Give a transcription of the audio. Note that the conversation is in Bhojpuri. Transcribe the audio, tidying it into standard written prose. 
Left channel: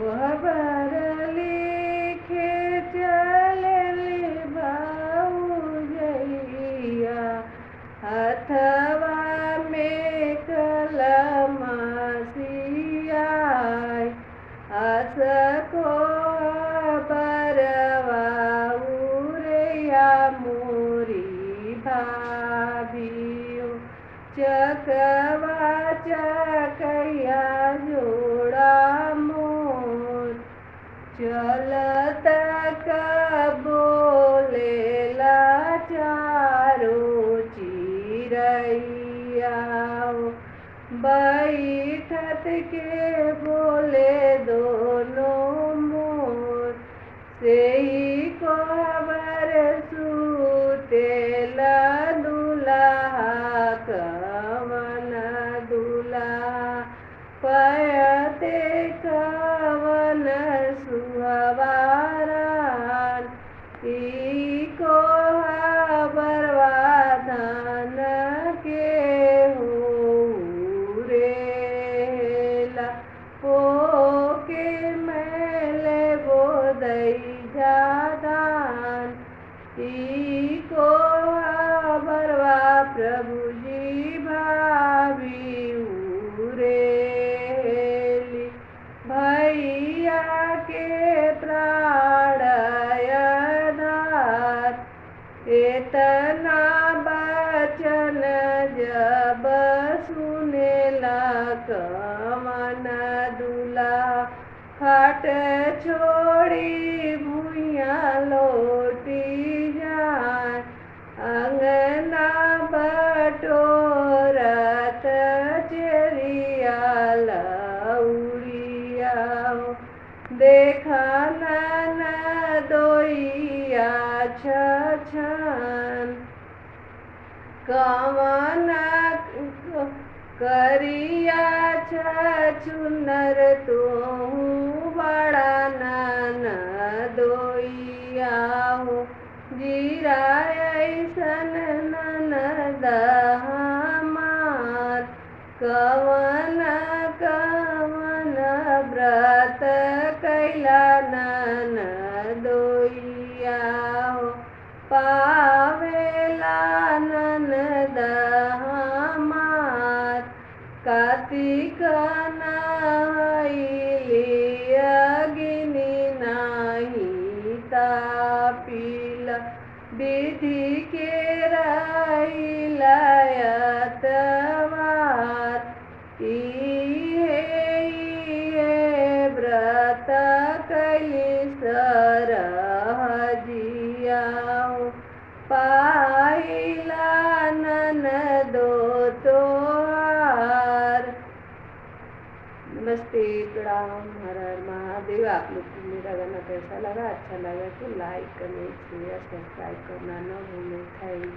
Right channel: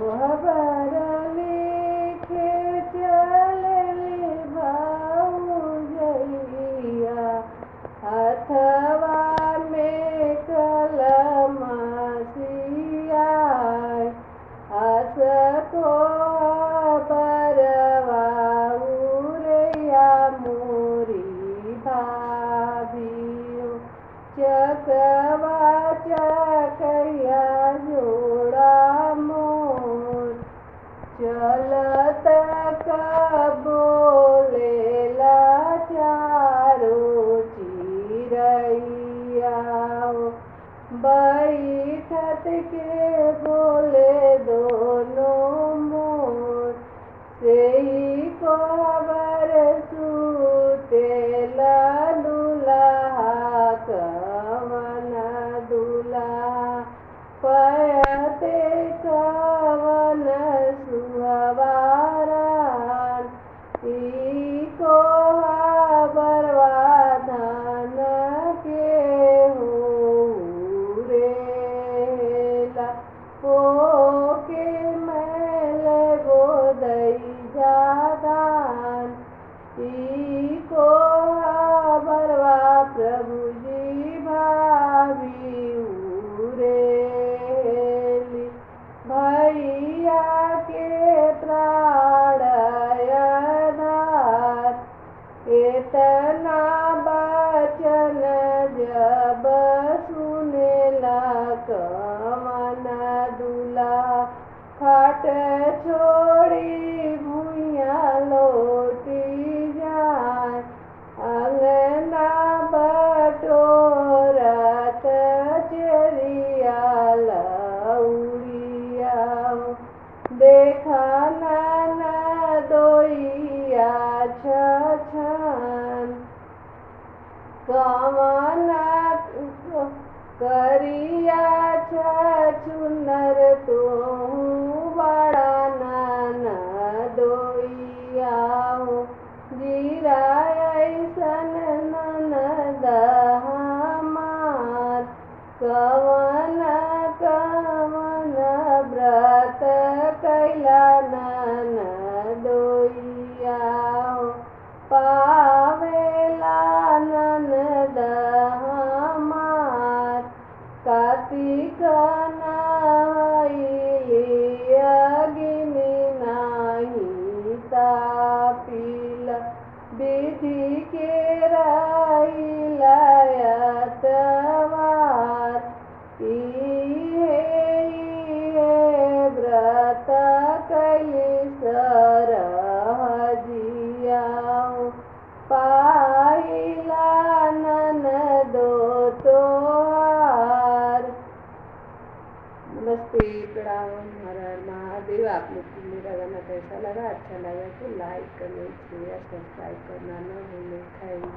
खबर लिखे चलेली भाऊजैया, हथवा में कलम सियाय, असको बरवा उरैया मोरी भाभियो, चकवा चकैया जोड़ा मोर, चलत बोलेला चारो चिरैया, बैठत के बोले दोनों मोर, सेई खबर सुतेला दुल्हा कवन दुल्हा, पयते कवन सुहवारान, ईको बरवा धन के हुरेला, पोके मैले गोदई जादान, ईको बरवा प्रभुजी भाभी उरेली, भैया के प्राणयधार, एतना बचन जब सुनेला कवन दुल्हा, खाट छोड़ी भुइया लौटी जाए, अंगना बटोरत चेरिया लौड़िया, देखा ननदोइया छछन, कवन करिया छछुनर तोहू बड़ा ननदोइया हो, जीरा ऐसन ननद हमार, कवन कवन व्रत कैला ननदोइया हो, पावेला ननद हमार, कार्तिक नहैली अग्नि नाही तापिला, विधि के रहिला एतवार, इहे व्रत कैली सरहजिया हो, पाइला ननदो तोहार। नमस्ते, प्रणाम, हर हर महादेव। आप लोग को मेरा गाना कैसा लगा? अच्छा लगा तो लाइक, कमेंट, शेयर, सब्सक्राइब करना न भूलें। Thank you.